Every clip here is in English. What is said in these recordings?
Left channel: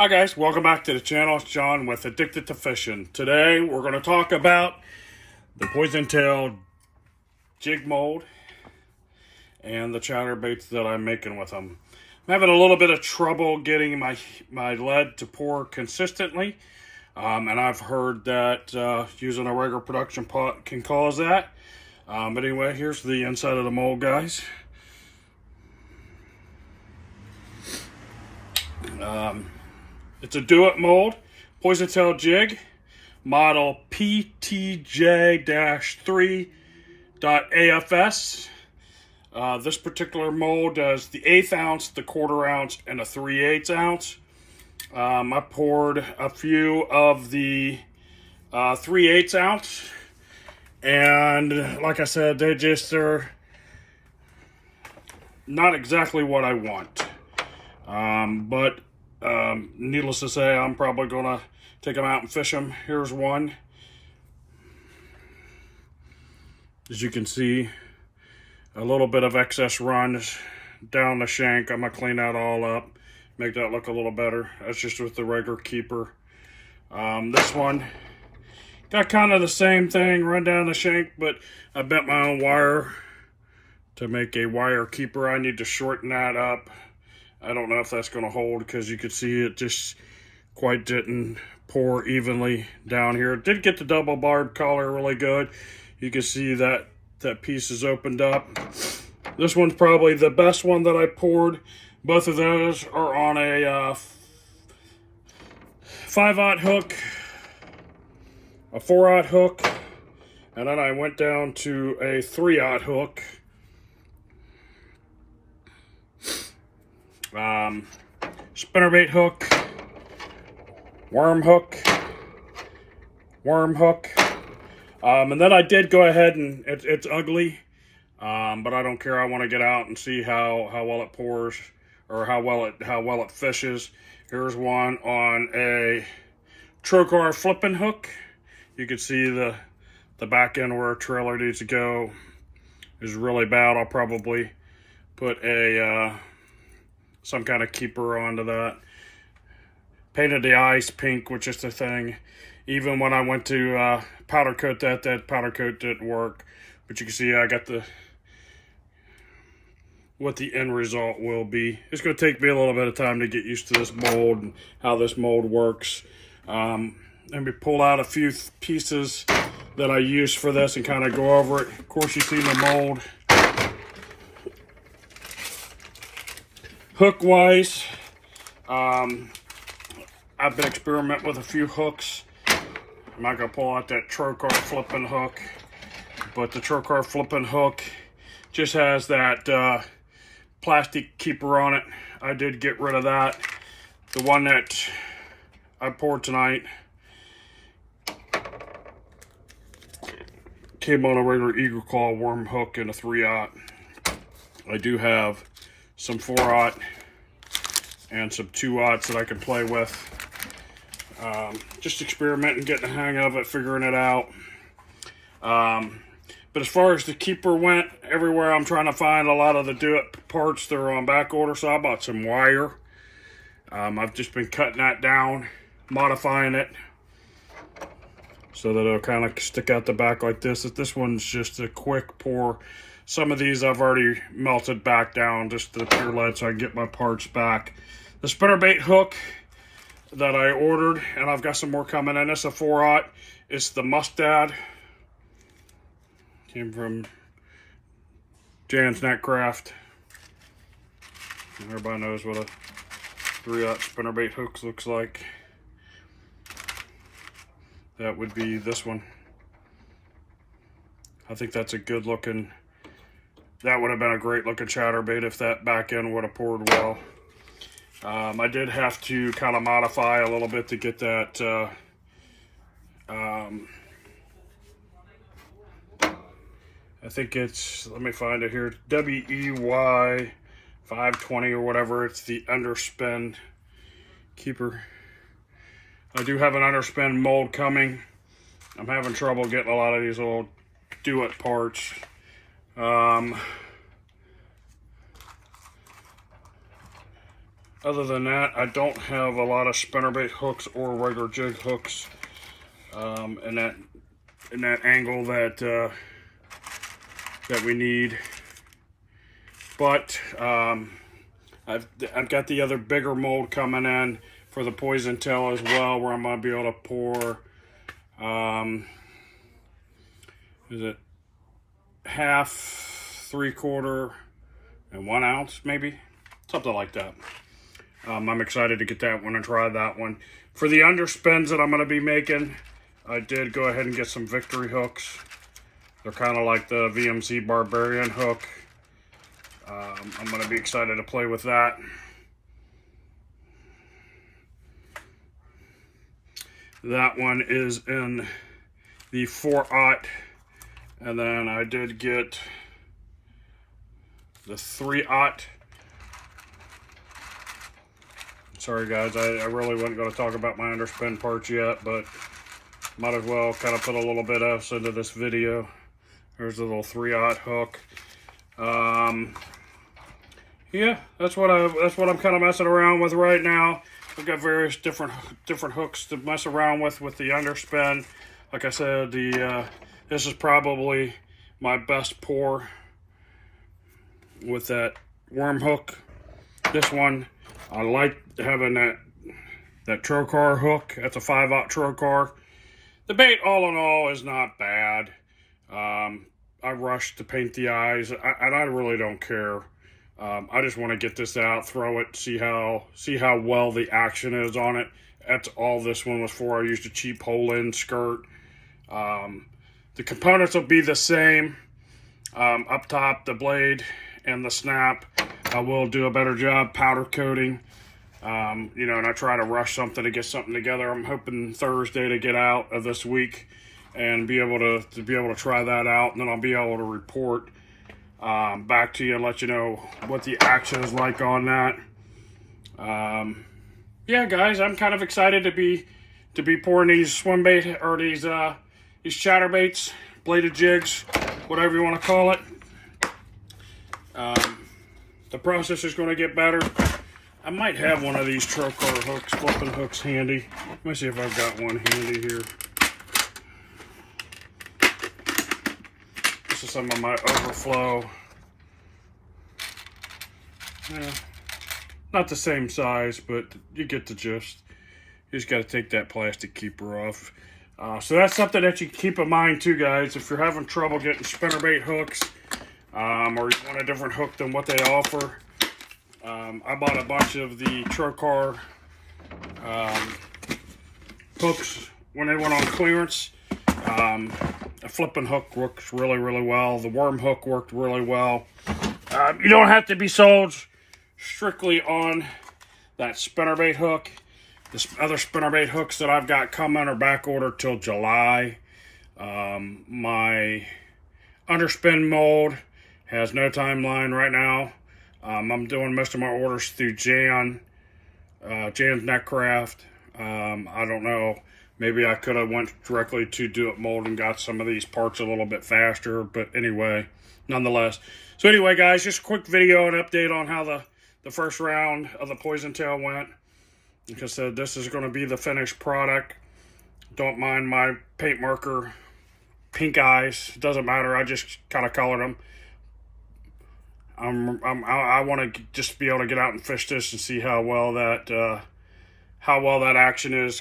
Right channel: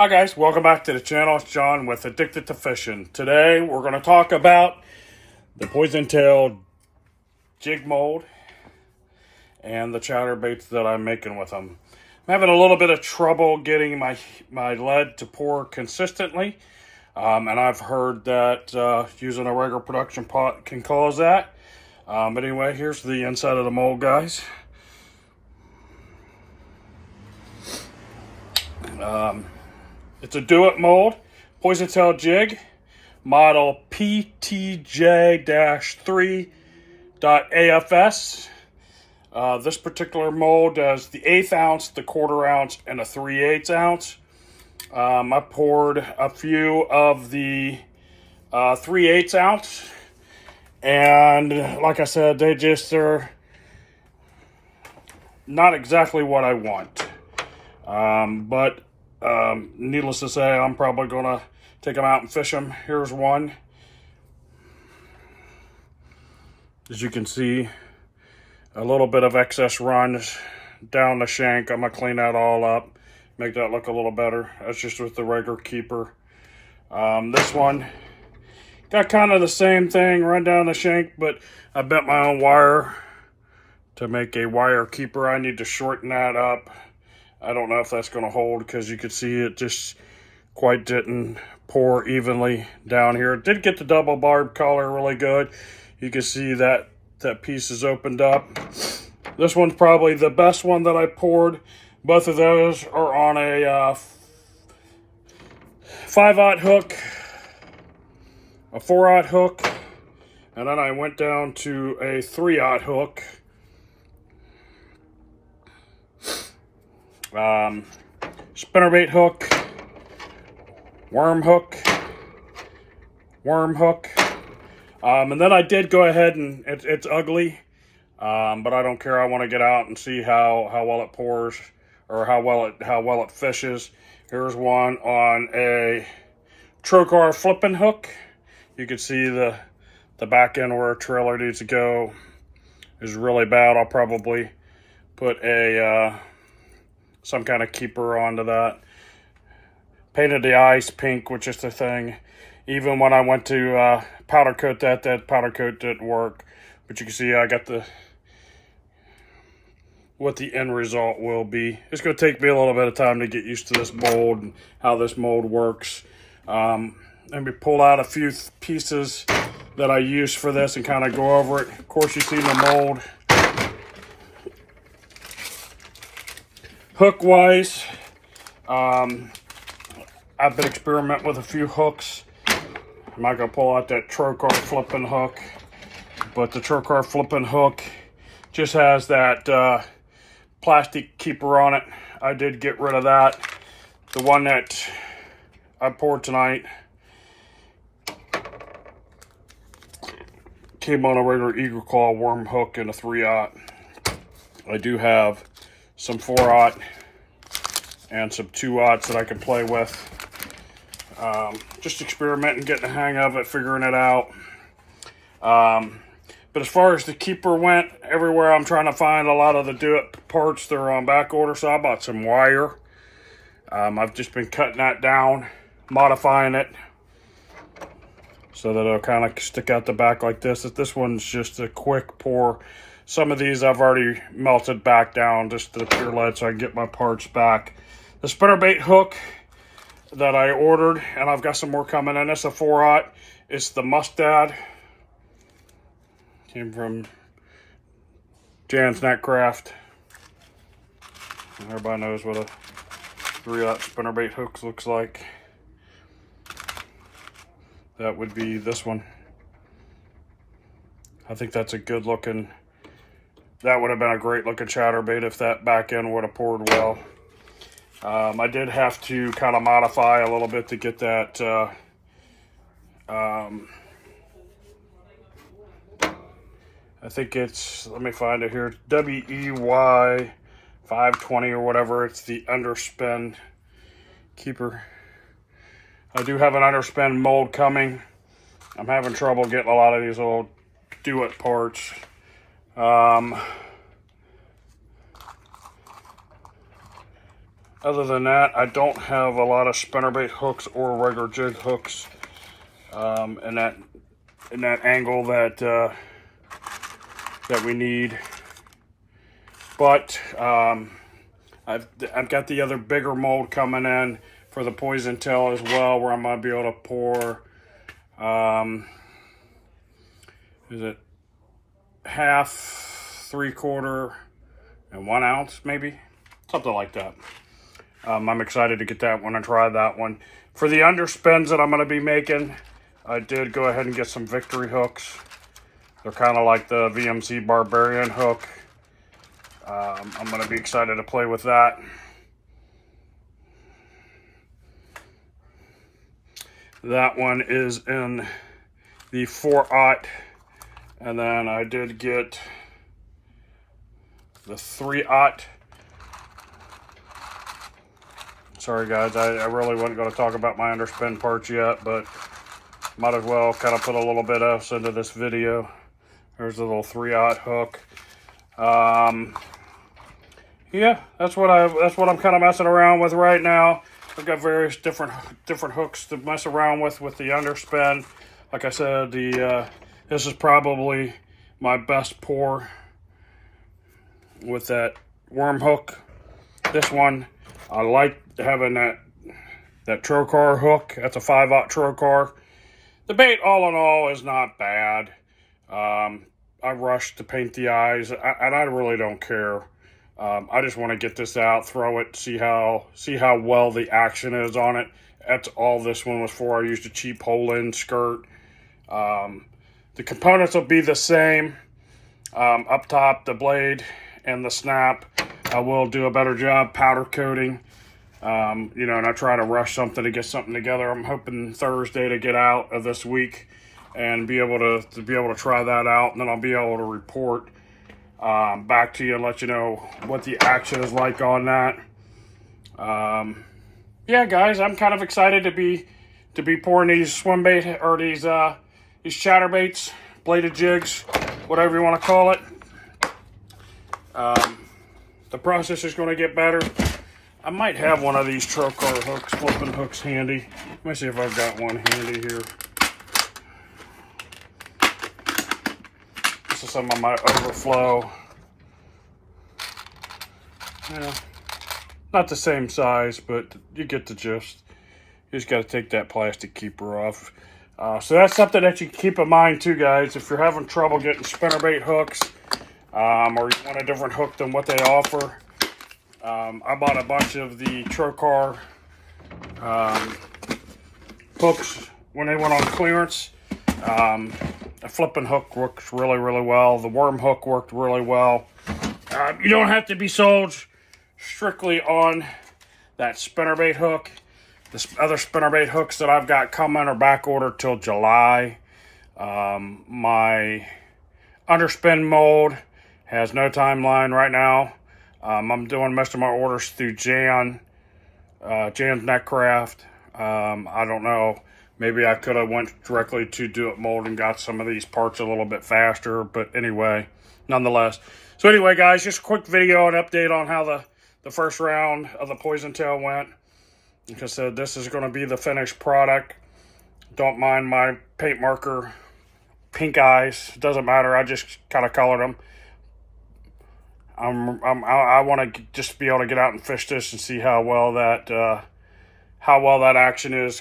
Hi guys, welcome back to the channel. It's John with Addicted to Fishing. Today we're going to talk about the poison tail jig mold and the chatterbaits that I'm making with them. I'm having a little bit of trouble getting my lead to pour consistently, and I've heard that using a regular production pot can cause that. But anyway, here's the inside of the mold, guys. It's a Do It mold, poison tail jig, model PTJ-3.AFS. This particular mold does the 1/8 ounce, the 1/4 ounce, and a 3/8 ounce. I poured a few of the 3/8 ounce, and like I said, they're not exactly what I want. But needless to say, I'm probably gonna take them out and fish them. Here's one. As you can see, a little bit of excess runs down the shank. I'm gonna clean that all up, make that look a little better. That's just with the regular keeper. This one got kind of the same thing, run down the shank, but I bent my own wire to make a wire keeper. I need to shorten that up. I don't know if that's going to hold, because you could see it just quite didn't pour evenly down here. It did get the double barb collar really good. You can see that piece is opened up. This one's probably the best one that I poured. Both of those are on a 5/0 hook, a 4/0 hook, and then I went down to a 3/0 hook. Spinnerbait hook, worm hook, and then I did go ahead and it's ugly, but I don't care. I want to get out and see how well it pours, or how well it fishes. Here's one on a Trokar flipping hook. You can see the back end where a trailer needs to go is really bad. I'll probably put a some kind of keeper onto that. Painted the eyes pink, which is the thing. Even when I went to powder coat that powder coat didn't work. But you can see I got what the end result will be. It's going to take me a little bit of time to get used to this mold and how this mold works. Let me pull out a few pieces that I use for this and kind of go over it. Of course, you've seen the mold. Hook-wise, I've been experimenting with a few hooks. I'm not going to pull out that Trokar flipping hook, but the Trokar flipping hook just has that plastic keeper on it. I did get rid of that. The one that I poured tonight came on a regular Eagle Claw worm hook and a 3/0. I do have some 4/0 and some 2/0 that I can play with. Just experimenting, getting the hang of it, figuring it out. But as far as the keeper went, everywhere I'm trying to find a lot of the Do It parts, they're on back order, so I bought some wire. I've just been cutting that down, modifying it so that it'll kind of stick out the back like this. This one's just a quick pour. Some of these I've already melted back down just to the pure lead so I can get my parts back. The spinnerbait hook that I ordered, and I've got some more coming in. It's a 4/0. It's the Mustad. Came from Jan's Netcraft. Everybody knows what a 3/0 spinnerbait hook looks like. That would be this one. I think that's a good looking. That would have been a great looking chatterbait if that back end would have poured well. I did have to kind of modify a little bit to get that I think it's, let me find it here, WEY 520 or whatever. It's the underspin keeper. I do have an underspin mold coming. I'm having trouble getting a lot of these little Do It parts. Other than that, I don't have a lot of spinnerbait hooks or regular jig hooks in that angle that we need. But I've got the other bigger mold coming in for the poison tail as well, where I'm gonna be able to pour is it half, 3/4, and 1 ounce, maybe something like that. I'm excited to get that one and try that one. For the underspins that I'm going to be making, I did go ahead and get some Victory hooks. They're kind of like the VMC Barbarian hook. I'm going to be excited to play with that. That one is in the 4/0. And then I did get the 3/0. Sorry guys, I really wasn't going to talk about my underspin parts yet, but might as well kind of put a little bit else into this video. There's a little 3/0 hook. Yeah, that's what I'm kind of messing around with right now. I've got various different hooks to mess around with the underspin. Like I said, this is probably my best pour with that worm hook. This one, I like having that Trokar hook. That's a 5/0 Trokar. The bait, all in all, is not bad. I rushed to paint the eyes, and I really don't care. I just want to get this out, throw it, see how well the action is on it. That's all this one was for. I used a cheap hole-in skirt. The components will be the same. Up top, the blade and the snap. I will do a better job powder coating. You know, and I try to rush something to get something together. I'm hoping Thursday to get out of this week and be able to try that out, and then I'll be able to report back to you and let you know what the action is like on that. Yeah, guys, I'm kind of excited to be pouring these swim bait, or these chatterbaits, bladed jigs, whatever you want to call it. The process is going to get better. I might have one of these Trokar hooks, flipping hooks handy. Let me see if I've got one handy here. This is some of my overflow. Yeah, not the same size, but you get the gist. You just got to take that plastic keeper off. So that's something that you can keep in mind too, guys. If you're having trouble getting spinnerbait hooks, or you want a different hook than what they offer, I bought a bunch of the Trokar hooks when they went on clearance. The flipping hook works really, really well. The worm hook worked really well. You don't have to be sold strictly on that spinnerbait hook. The other spinnerbait hooks that I've got coming are back ordered till July. My underspin mold has no timeline right now. I'm doing most of my orders through Jan's Netcraft. I don't know. Maybe I could have went directly to Do It Mold and got some of these parts a little bit faster. But anyway, nonetheless. So anyway, guys, just a quick video and update on how the first round of the Poison Tail went. Like I said, this is going to be the finished product. Don't mind my paint marker pink eyes. It doesn't matter. I just kind of colored them. I want to just be able to get out and fish this and see how well that action is.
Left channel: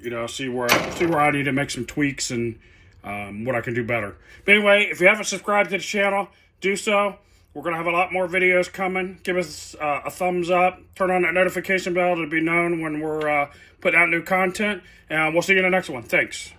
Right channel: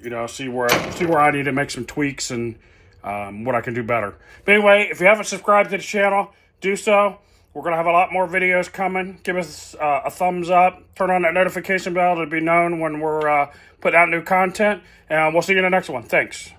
You know, see where I need to make some tweaks and what I can do better. But anyway, if you haven't subscribed to the channel, do so. We're going to have a lot more videos coming. Give us a thumbs up. Turn on that notification bell to be known when we're putting out new content. And we'll see you in the next one. Thanks.